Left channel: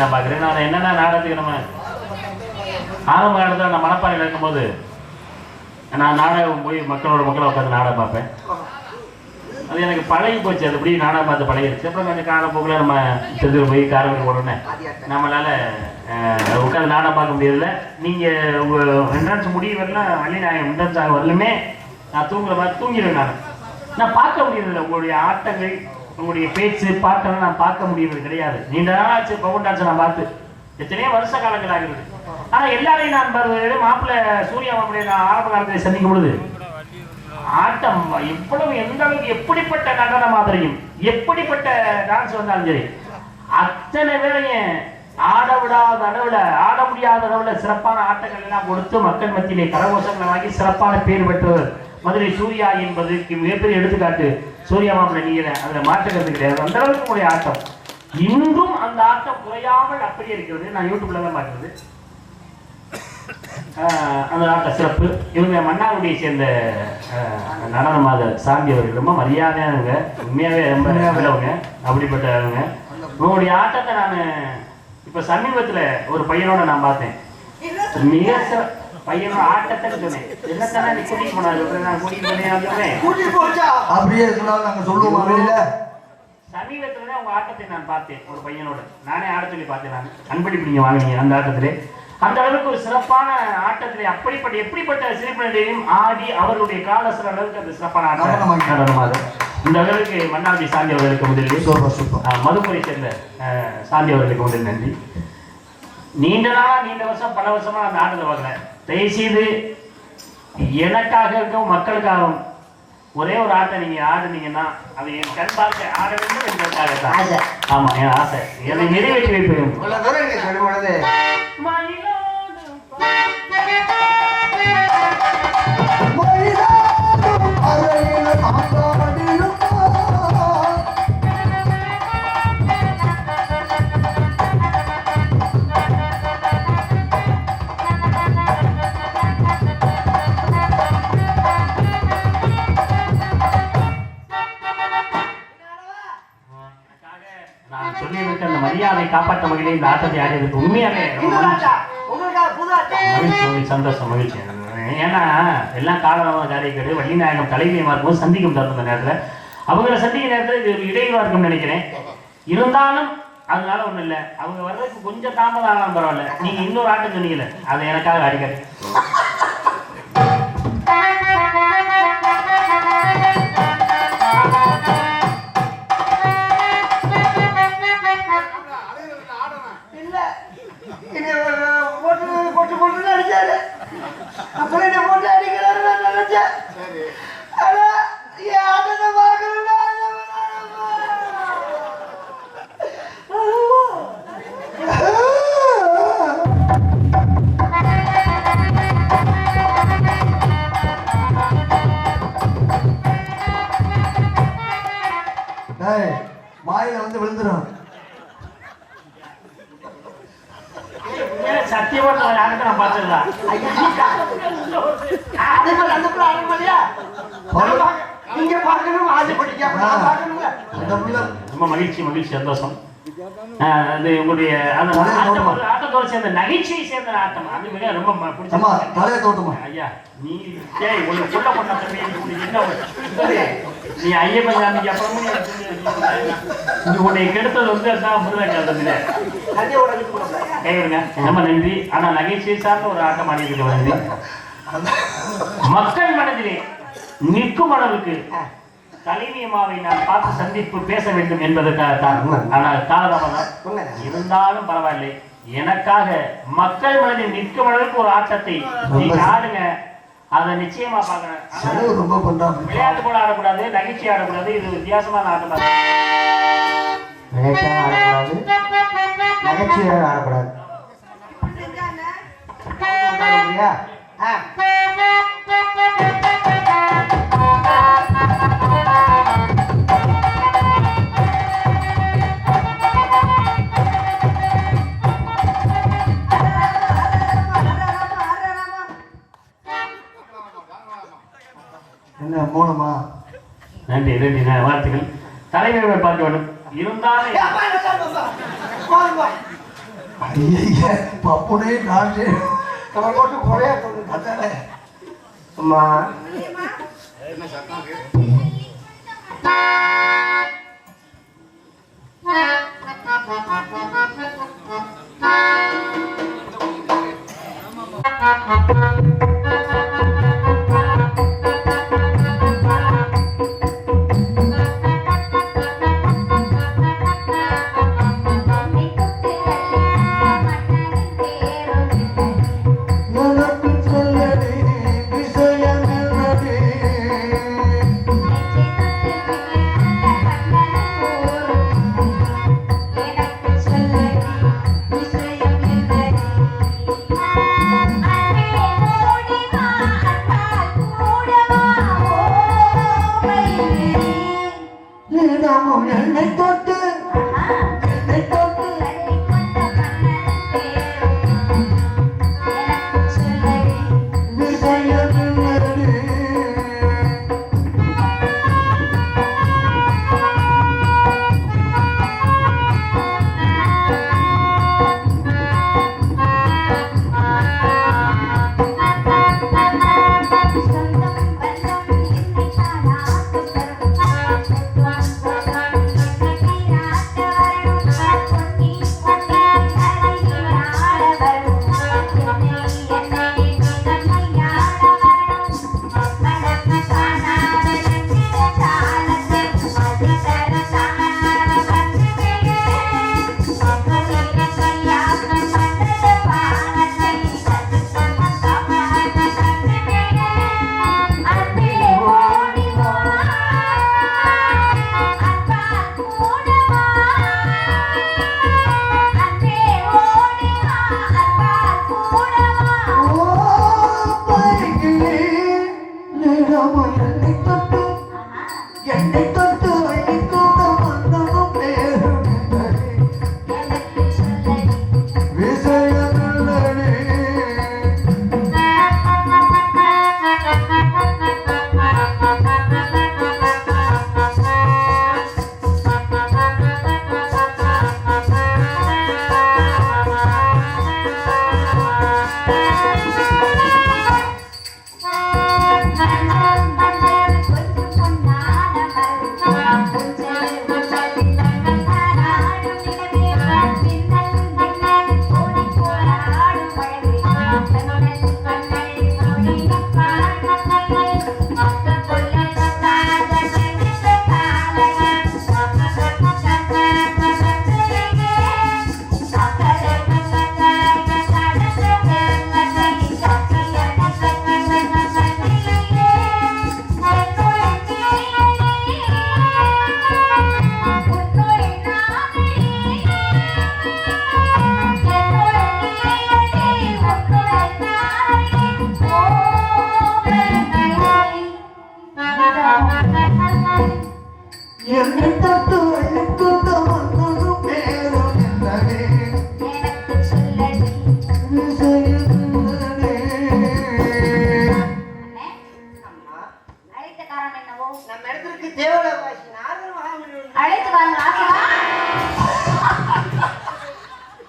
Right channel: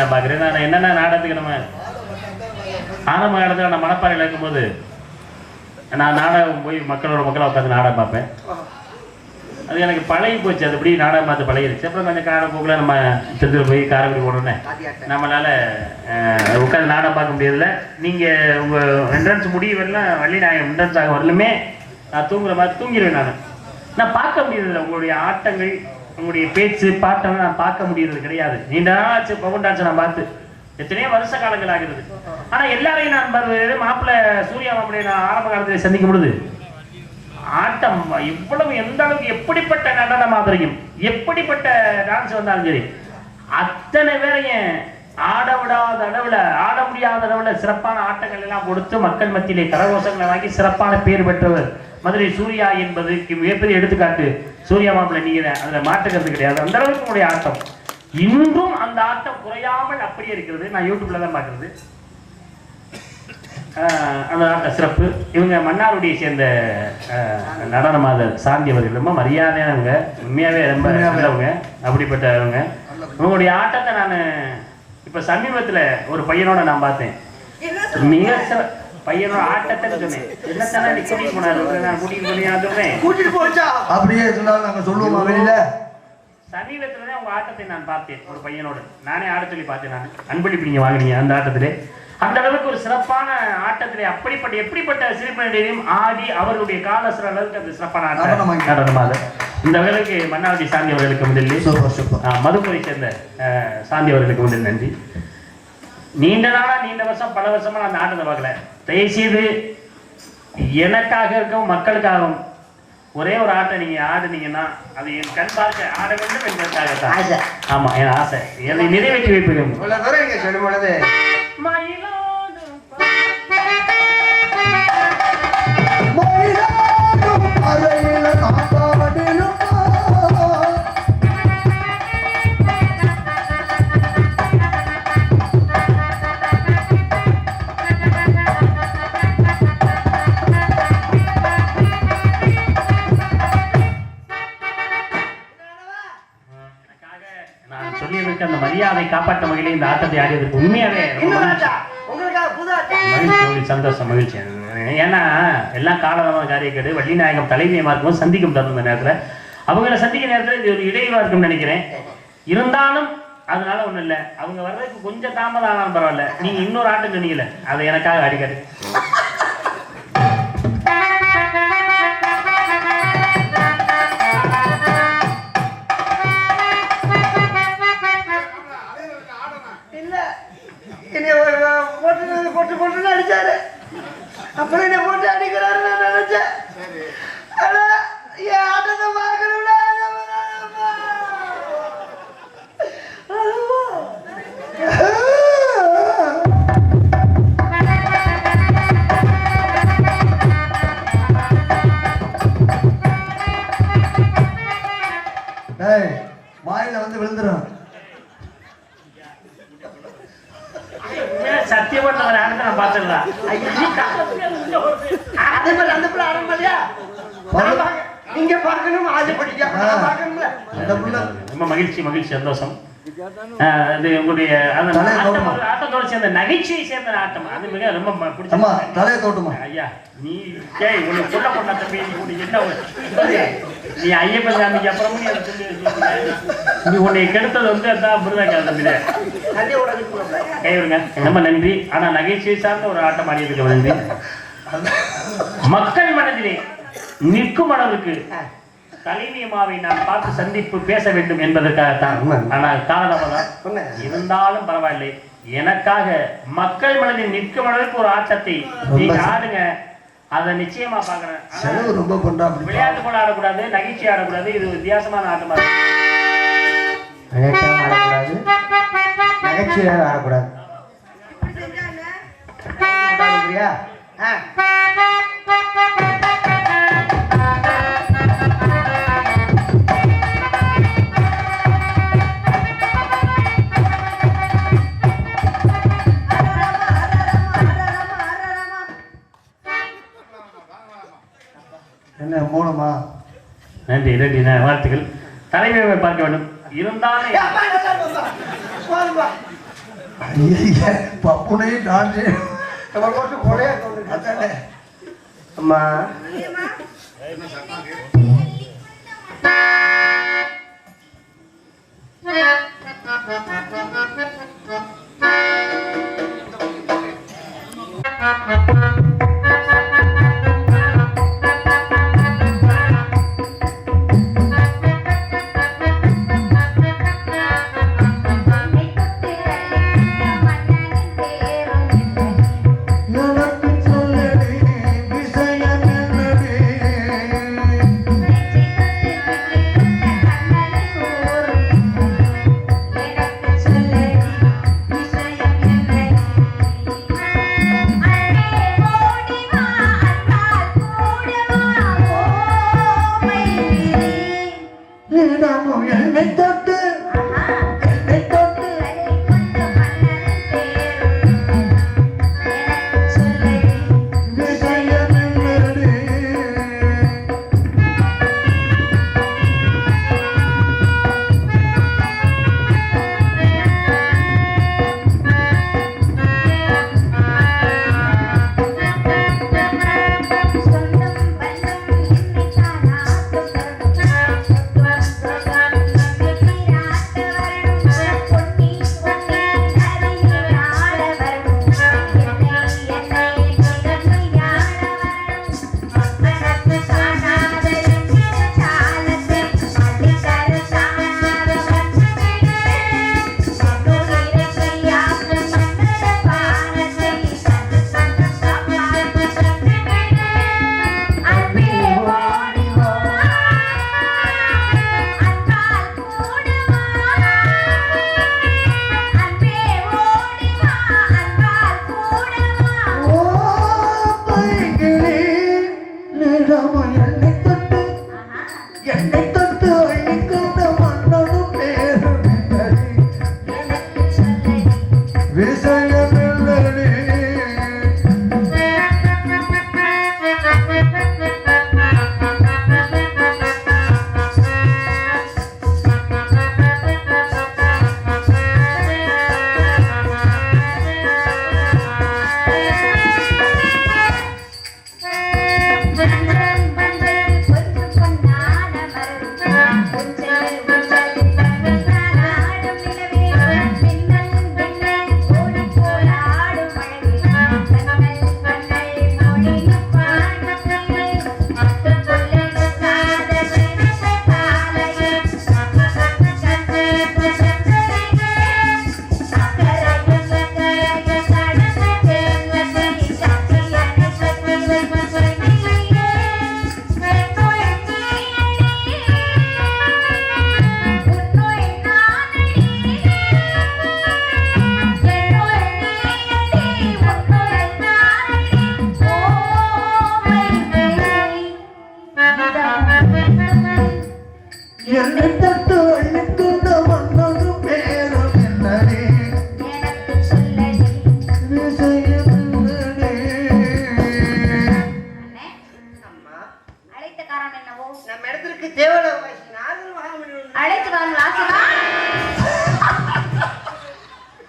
நான் பார்க்குறேன். நான் என்னென்ன நாடகத்துக்கு நம்ம ஆரம்ப காலத்தில் நான் மணப்பாறையில் இருக்கும்போது நான் நாடகம் போய் மக்களோட மக்களாக உட்காந்து நாடகம் பார்ப்பேன். அது எனக்கு பழகி போச்சு. அது இப்படி நாடகம் பார்த்து பழகிடுச்சு அப்புறம் கொஞ்சம் காலப்போக்கில் நம்ம செந்தில் போய் காரைக்குடி உடனே நம்மளால உட்காந்து நாடகம் பார்க்க முடியறதில்ல. நீங்கள் உங்கள் என்ட்ரன்ஸ் முடிய வரலாம் வள்ளி நான் என்ட்ரன்ஸ் ஆக வரலுமே நான் தூங்குற மாதிரி தூங்கிடுவேன் நான். நான் பார்க்க முடியறதில்ல. உங்களுடைய ஆட்டங்கள் உங்களுடைய பேச்சு பாட்டெல்லாம் நான் பார்க்க முடியறது கிடையாது. நீண்ட நாளாச்சு பவன் நான் பார்த்து. எத்தனையோ வருஷ காலங்கள் ஆகுது ஆனா எல்லாரையும் நான் பார்த்து மாப்பிள்ளை சூர்யா மாப்பிள்ளை நான் ஆரம்ப காலத்தில் சந்திக்கும் பொழுது ஆட்டம் இவ்வளவு எந்த அளவுக்கு எப்படிப்பட்ட நடன மாதிரியும் எப்படிப்பட்ட டான்ஸ் வந்தாலும் சரி அத்தனை பேரையும் ஆட விடாத அளவுல ஆட முடியாத அளவுல சிறப்பான ஆட்டங்கள் எல்லாம் கொடுத்து மக்கள் மத்தியிலே கரகோஷங்களை வாங்கி சிறப்பான பேர் பெற்றவர் மதுரை சூர்யா என்பதற்கு மிகப்பெரிய எடுத்துக்காட்டு. சூர்யா மாப்பிள்ளை நீங்க அதுல மாற்றுக்கிறது கிடையாது. அந்த அளவுக்கு உங்களுடைய ஆட்டம். இன்றும் அந்த ஆட்டம் குறையாமல் அப்படியே இருக்கிறது. நான் யூடியூப்ல தான் பார்க்குறது. அந்த நாட்டை சிறப்பு. இவங்க மன்னாருடைய சேர்ந்த ஆஹ், நடன மாத சாந்தி அவர்கள் ரொம்ப மரியாதையானவங்க உண்மையாவே ரொம்ப நல்லவங்க அப்படிப்பட்டவங்க. இவங்களுடைய ஆட்டத்தை நான் இப்ப சமீபத்துல ஒரு பையனோட நான் பார்த்தேன். மிக சிற- பையனோட ஆட்டத்தை சொன்னேன் என்னத்தானே கூட்டிட்டு போனாரு? நான் கூட்டிட்டு போனேன் நான் சொன்னேன் கூட்டிட்டு போச்சா? அப்படியே சொன்னாலும் நாங்க சொல்லுவோம் சமீபத்துல தான் உங்க ஆட்டத்தை நான் பார்த்தேன் ஒரு பையனோட. நானே ஆட சொல்லி பார்த்தேன் நான். அன்பளிப்பு நீங்க வாங்கினீங்க அந்த ஆட்டத்திலே. அந்த அளவுக்கு ஒரு சிறப்பான ஆட்டத்திலே அப்படிப்பட்ட எப்படிப்பட்ட சிறுப்பினரையும் ஆடி அவர்களுடைய காலசுர அளவுக்கு அந்த சிறப்பான ஆட்டம். நடனமாக இந்த அளவுக்கு மன்னாவதி சாந்தி அவர்களுக்கு முதலில் மதுக்கரை சேர்ந்த சாந்தி அவர்களுக்கு முதல் நன்றி. நீண்ட நாளா நீண்ட வருஷம் பல வருஷமா நான் ஆட்டத்தை பார்க்கல தயவுசெய்து எனக்காக இருக்கும் மக்களுக்காகவும் ஒரே ஒரு ஆட்டை நீங்க ஆடுனீங்கன்னா அது என் கண் பார்க்க ஆட வேண்டும் என்பதற்காக தான் ஆசை. ஆமா என் ஆசை. என்னை நிறைவேற்றி வைப்பேன்? உங்களுக்காக புது ஆட்டா மகிழ்ச்சி, மகிழ்ச்சி, சந்தோஷம் மகிழ்ச்சி. ஏன்னா எல்லாம் காலமாக காரியக்கேடு வள்ளி நாயகம் தலைமையமா இருக்கும் சந்திக்கும் தருணம் இந்த நேரத்துல. அவங்கள சந்திக்க நேரத்துல இது ஒரு இடைவா இருக்கும்னு நினைக்கிறேன். இருந்தாலும் அதனால ஒண்ணும் இல்ல. அவங்க வர்றதுக்கு கொஞ்சம் தாமதம் ஆனாலும் பரவாயில்ல. நீங்க இன்னொரு ஆட்டம் சொன்னீங்கல்ல. அது எனக்காக அடிக்கடி. உங்களுடைய அந்த ஆட்டத்தோடு சேர்ந்த நகைச்சுவை சேர்ந்த ஆட்டம். அது மிக ரொம்ப தலையை தோட்டுமா? ஐயா நீ டேய் உன்னை சொல்ல தம்பி நீ உனக்கு என்ன ஒரு- நீ ஐயப்பன் சாமிக்கு அப்புறமும் நீ உன்னை கெடுத்தது வந்து அதான் முருகன் தம்பி. கைவிடுங்க ரொம்ப நன்றி. ஆனா நகைச்சுவை சார்ந்த ஒரு ஆட்டம் ஆடி இருக்க நன்றி. மக்கள் மனதிலே நிற்கும் அளவுக்கு தலைமையமாவை நான் பார்த்து சந்திப்பு பேச வேண்டும் என்பதற்காகத்தான். ஆனால் காலதாமதம். இருந்தாலும் பரவாயில்லை. எனக்காக மக்கள் மனதில் நிற்கும் அளவுக்கு ஒரு ஆட்டத்தை நீங்க ஆடுங்க. அதை நிச்சயமா செலவு ரொம்ப விளையாட்டு போல ஆடக்கூடாது நகைச்சுவை ஆடக்கூடாது. இது வித்தியாசமான ஆட்டமா ஆடக்கூடாது. நகைச்சுவை ஆடக்கூடாது? ஆ. என்ன மூலமா நன்றி நன்றி நான் வாழ்த்துக்கள். தலைமையை பார்க்க வேண்டும். இருந்தாலும் ஏப்பா, நல்லா இருக்குப்பா. போதும்பா. ஐயா my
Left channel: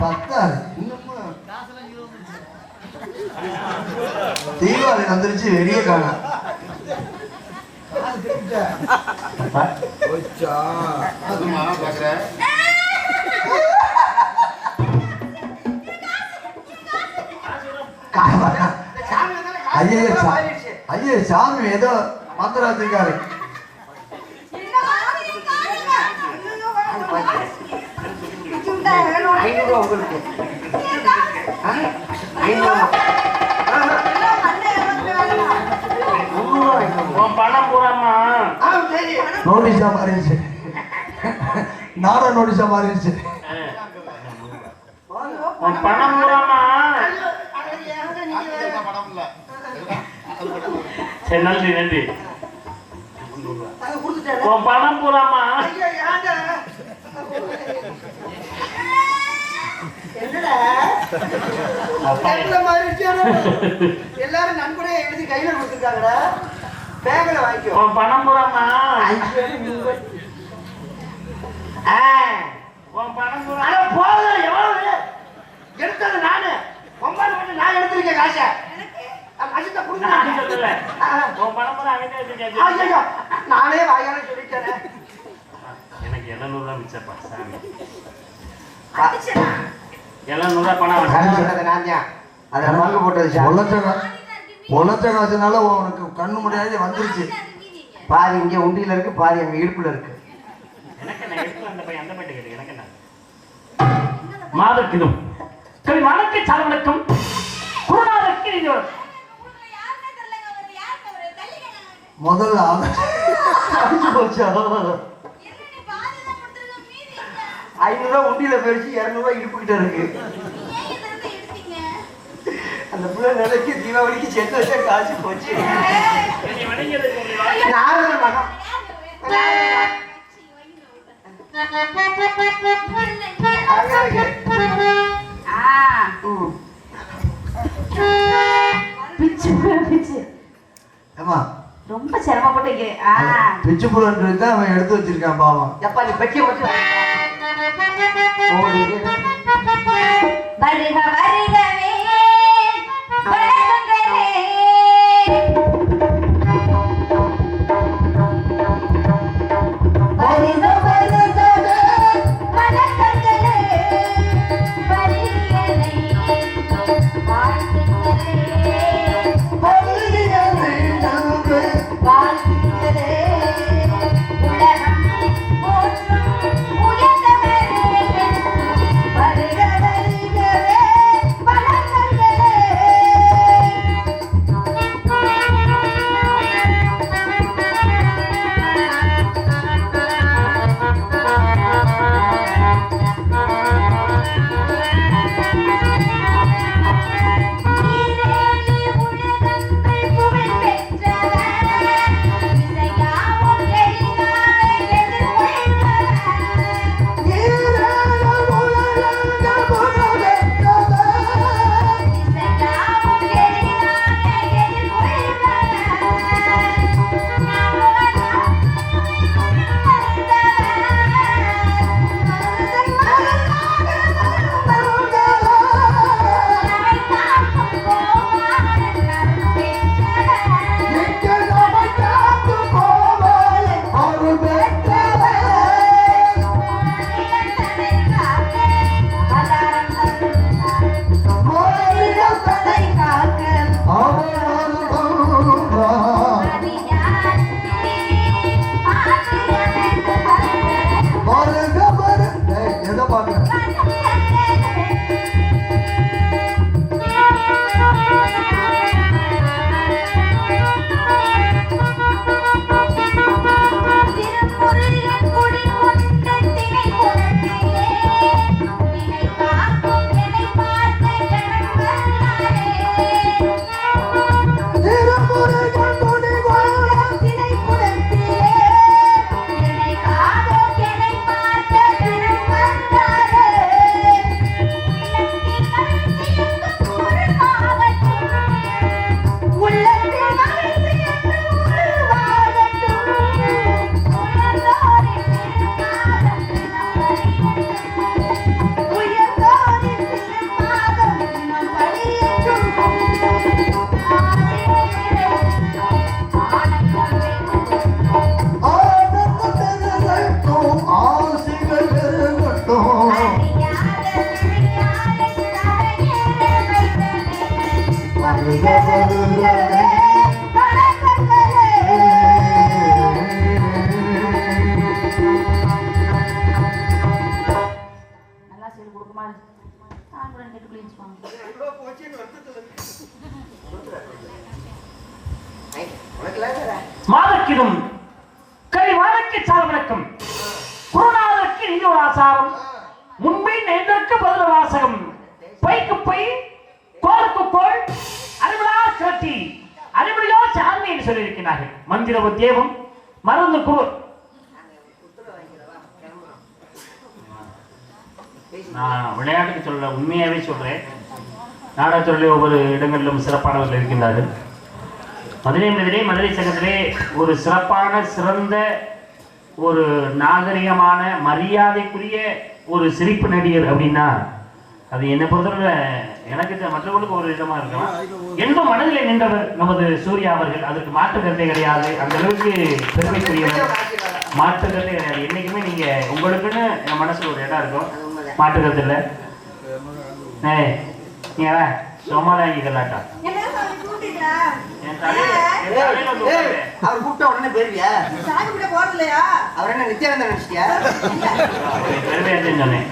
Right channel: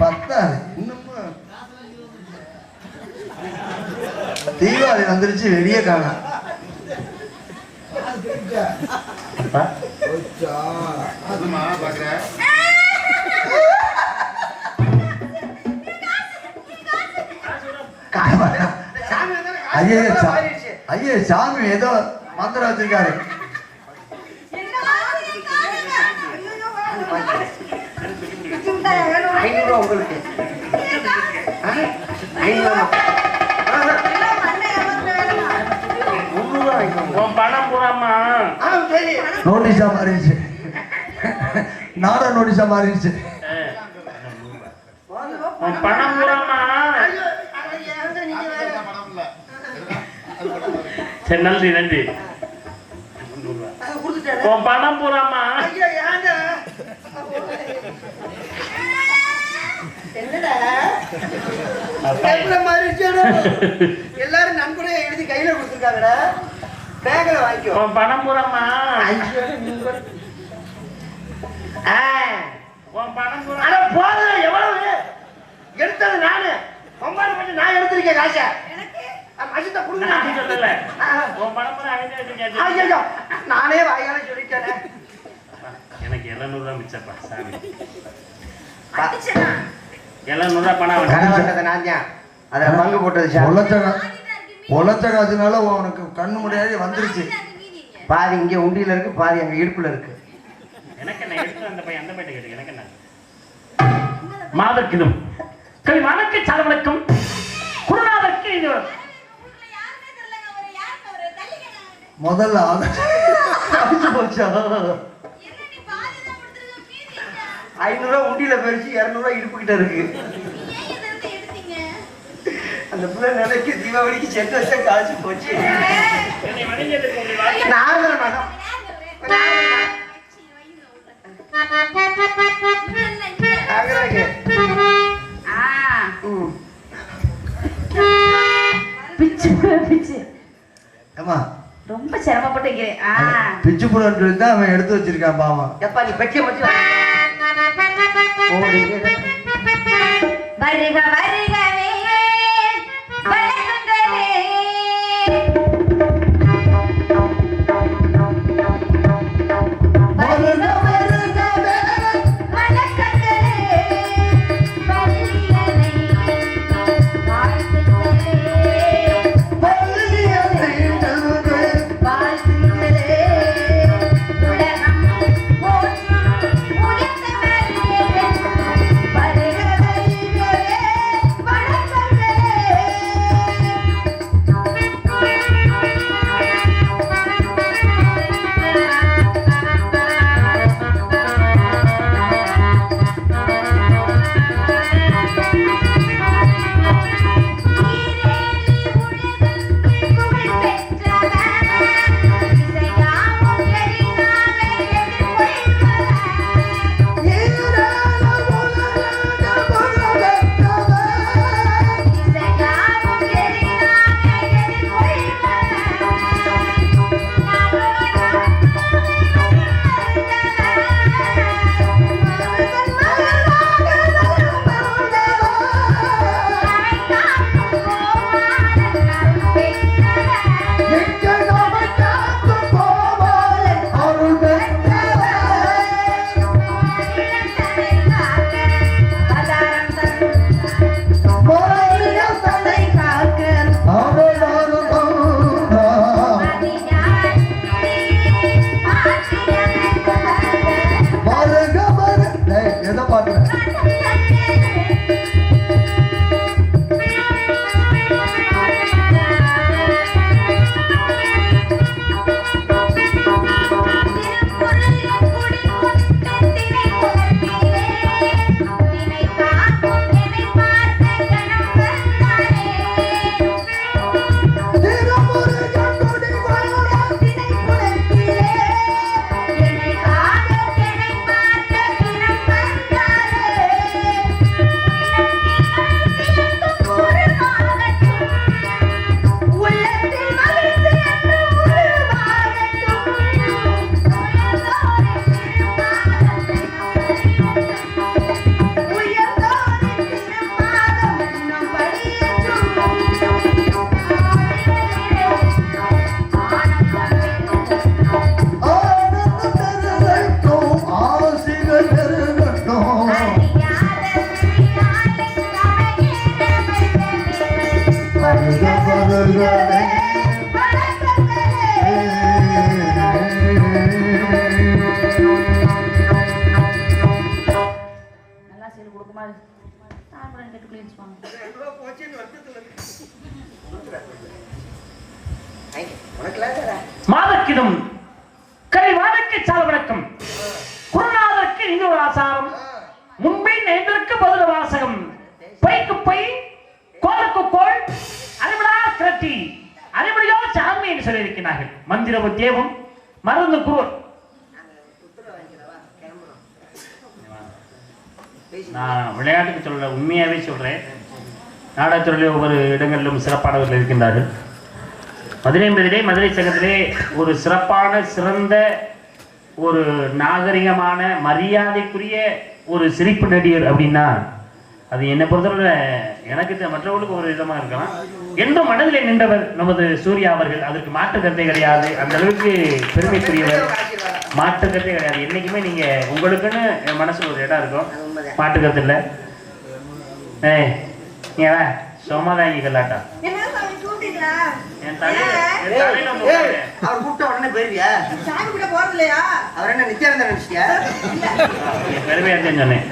பத்தாது. இன்னுமா? தீபாவளி வந்துருச்சு வெளியே காணா. ஐயே சாமி ஏதோ மந்திரம் வச்சிருக்காரு. ஐநூறு ரூபா உங்களுக்கு ஆ? ஐநூறு ரூபா. ஆஹா. முந்நூறு ரூபா வாங்கிக்கோங்க. உன் பணம் சரி. நோட்டீஸா மாறிடுச்சு நாடா நோட்டீஸா மாறிடுச்சு உன் பணம். சரி நன்றி நன்றி. உன் பணம் ஏன்டா? என்னடா? எல்லாரும் நன்கொடையா எழுதி கையில கொடுத்துருக்காங்கடா. பேங்க்ல வாங்கிக்கோ. உன் பணம் அட போதும், எவ்வளவு? காசை. மசித்த நான் பூரா அவன் தான் வச்சிருக்கான். ஐயோ நானே வாயால சொல்லிட்டேன். எனக்கு எழுநூறு ரூபா மிச்சப்பா சாமி. எழுநூறு ரூபா பணம் நான் தான். அதை பங்கு போட்டது சார். உழைச்ச உழைச்ச காசுனால உனக்கு கண்ணு முடியாது வந்துருச்சு. பாதி இங்க உண்டியில இருக்கு பாதி அங்க இடுப்புல இருக்கு. எனக்கு என்ன அந்த பையன் அந்த பையன் எனக்கு என்ன? மாதர்க்கிதும் கவி வணக்க சார்வனுக்கும் குருநாதருக்கு இது முதல்ல போச்சா? ஐநூறு ரூபா உண்டியில போயிடுச்சு இருநூறுவா இடுப்புக்கிட்ட இருக்கு. அந்த பிள்ளை நிலைக்கு தீபாவளிக்கு செட் வச்சா காசு போச்சு. என்னை வணங்கியதற்கு உங்களை வாழ்த்து. நாரதர் மகன் ம். பிச்சு பிச்சு ஏமா ரொம்ப சிரமப்பட்டு பிச்சு புலன்றது தான் அவன் எடுத்து வச்சிருக்கான் பாவம். எப்பா நீ பெட்டியை மட்டும் ஓ, நீங்க வருக. நல்லா சொல்லி கொடுக்குமா சாப்பிட ரெண்டு பிள்ளை வச்சுப்பாங்க ஐ, உனக்குலாம் வேற. மாதக்கிதும் கவி குருநாதருக்கு இது ஒரு ஆசாரம். முன்பின் எதற்கு பதில் வாசகம். பைக்கு பை கோலுக்கு கோல் அறிவிடா கிரட்டி அறிவிடையோ சாமி என்று சொல்லியிருக்கிறார்கள். மந்திர உத்தியோகம் மருந்து கூர். நான் விளையாட்டுக்கு சொல்ல உண்மையாவே சொல்றேன். நாடகத்துறையிலே ஒவ்வொரு இடங்களிலும் சிறப்பானவர்கள் இருக்கின்றார்கள். மதுரை மதுரை மதுரை சங்கத்திலே ஒரு சிறப்பான சிறந்த ஒரு நாகரிகமான மரியாதைக்குரிய ஒரு சிரிப்பு நடிகர் அப்படின்னா அது என்னை பொறுத்தவரை எனக்கு மற்றவர்களுக்கு ஒரு விதமா இருக்கலாம். எந்த மனதிலே நின்றவர் நமது சூர்யா அவர்கள்? அதற்கு மாற்று கருத்தை கிடையாது. அந்த அளவுக்கு பெருமைக்குரியவர். மாற்று கருத்தை கிடையாது. என்னைக்குமே நீங்க உங்களுக்குன்னு என் மனசுல ஒரு இடம் இருக்கும். கருத்து இல்லை ஏய் சும்மாதான் இங்க கல்லாட்டா. அவர் கூப்பிட்ட உடனே போயிருவியா? சாமி கூட போறது இல்லையா அவர் என்ன நித்யானந்தன் நினைச்சிட்டியா பெருமையா சொன்னேன்.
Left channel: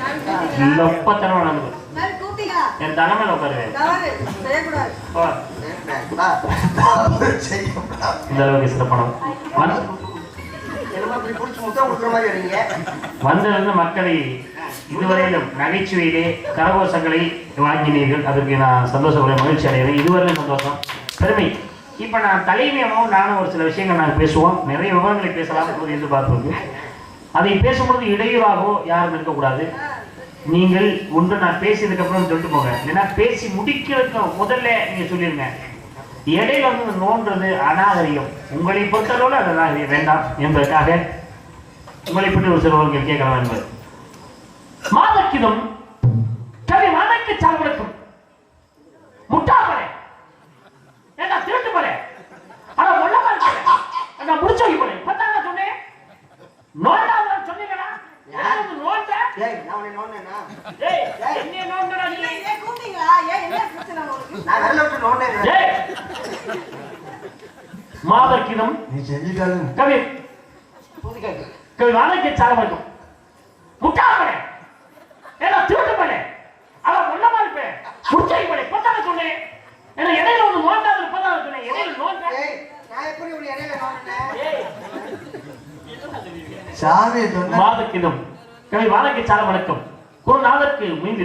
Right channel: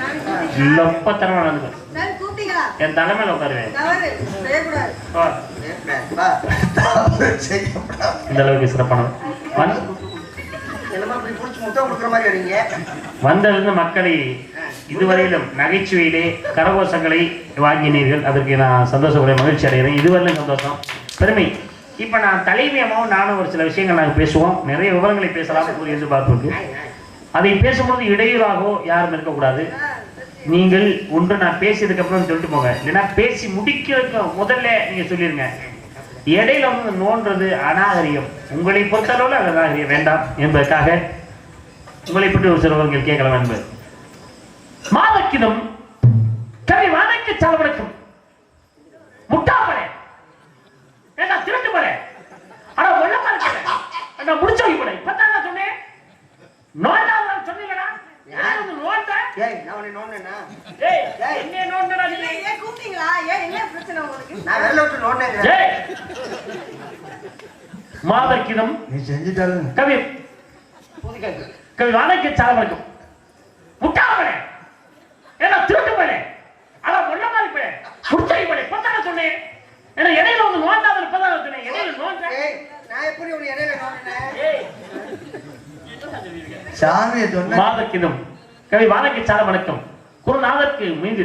லொப்பத்தனமா நடந்து என் தலைமையில உட்காருவேன். இந்த அளவுக்கு சிறப்பான இப்படி கொடுக்குற மாதிரி வரீங்க. வந்திருந்து மக்களை இதுவரையிலும் நகைச்சுவையிலே கரகோஷங்களை வாங்கினீர்கள். அதற்கு நான் சந்தோஷப்படுறேன் மகிழ்ச்சி அடைகிறேன். இதுவரையிலும் சந்தோஷம் பெருமை. இப்போ நான் தலைமையமும் நானும் ஒரு சில விஷயங்கள் நாங்கள் பேசுவோம். நிறைய விவரங்களை பேசலாம். ஒரு அதை பேசும்பொழுது இடையூறாகவோ யாரும் இருக்கக்கூடாது. நீங்கள் ஒன்று நான் பேசியதுக்கு அப்புறம் சொல்லிட்டு போங்க. இல்லைன்னா பேசி முடிக்கிறதுக்கு முதல்ல நீங்க சொல்லிருங்க. இடையில வந்து நோன்றது அநாகரிகம். உங்களை பொறுத்தளவில் அது அநாகரிகம். வேண்டாம். என்பதற்காக உங்களை பற்றி ஒரு சிலவர்கள் கேட்கலாம் என்பது மாதக்கிதம் கவி வணக்க செலவழிக்கும் முட்டாமலே ஏண்டா திருட்டு போல ஆனா இருக்கல ஏண்டா முடிச்சு வை போல இப்பதான் நான் சொன்னேன். நோண்டா சொன்னீங்களா? யார் வந்து நோண்ட? ஏய் நான் உன்னை நோண்டேனா? ஏய் என்ன நோண்டடா நீ? ஏன் கூப்பிட்டீங்களா? ஏன் என்ன பிரச்சனை உங்களுக்கு? நான் விரல விட்டு நோண்டேன் ஏய். மாதக்கிதம் நீ செஞ்சிட்டாலும். கவி. வணக்க செலவழிக்கும் முட்டாமலே ஏண்டா திருட்டு போல ஆனா ஒண்ணமா இருப்பேன் முடிச்சு வை போல இப்பதான் சொன்னேன். ஏன்னா இடையில வந்து நோண்டாத இப்பதான் சொன்னேன். இடையில நோண்ட ஏய் நான் எப்படி உன்னை இடையில நோண்டினேன் ஏய். சாமியை சொன்ன மாதக்கிதம் கவி வாழைக்கு சார வணக்கம். குருநாதற்கு மீது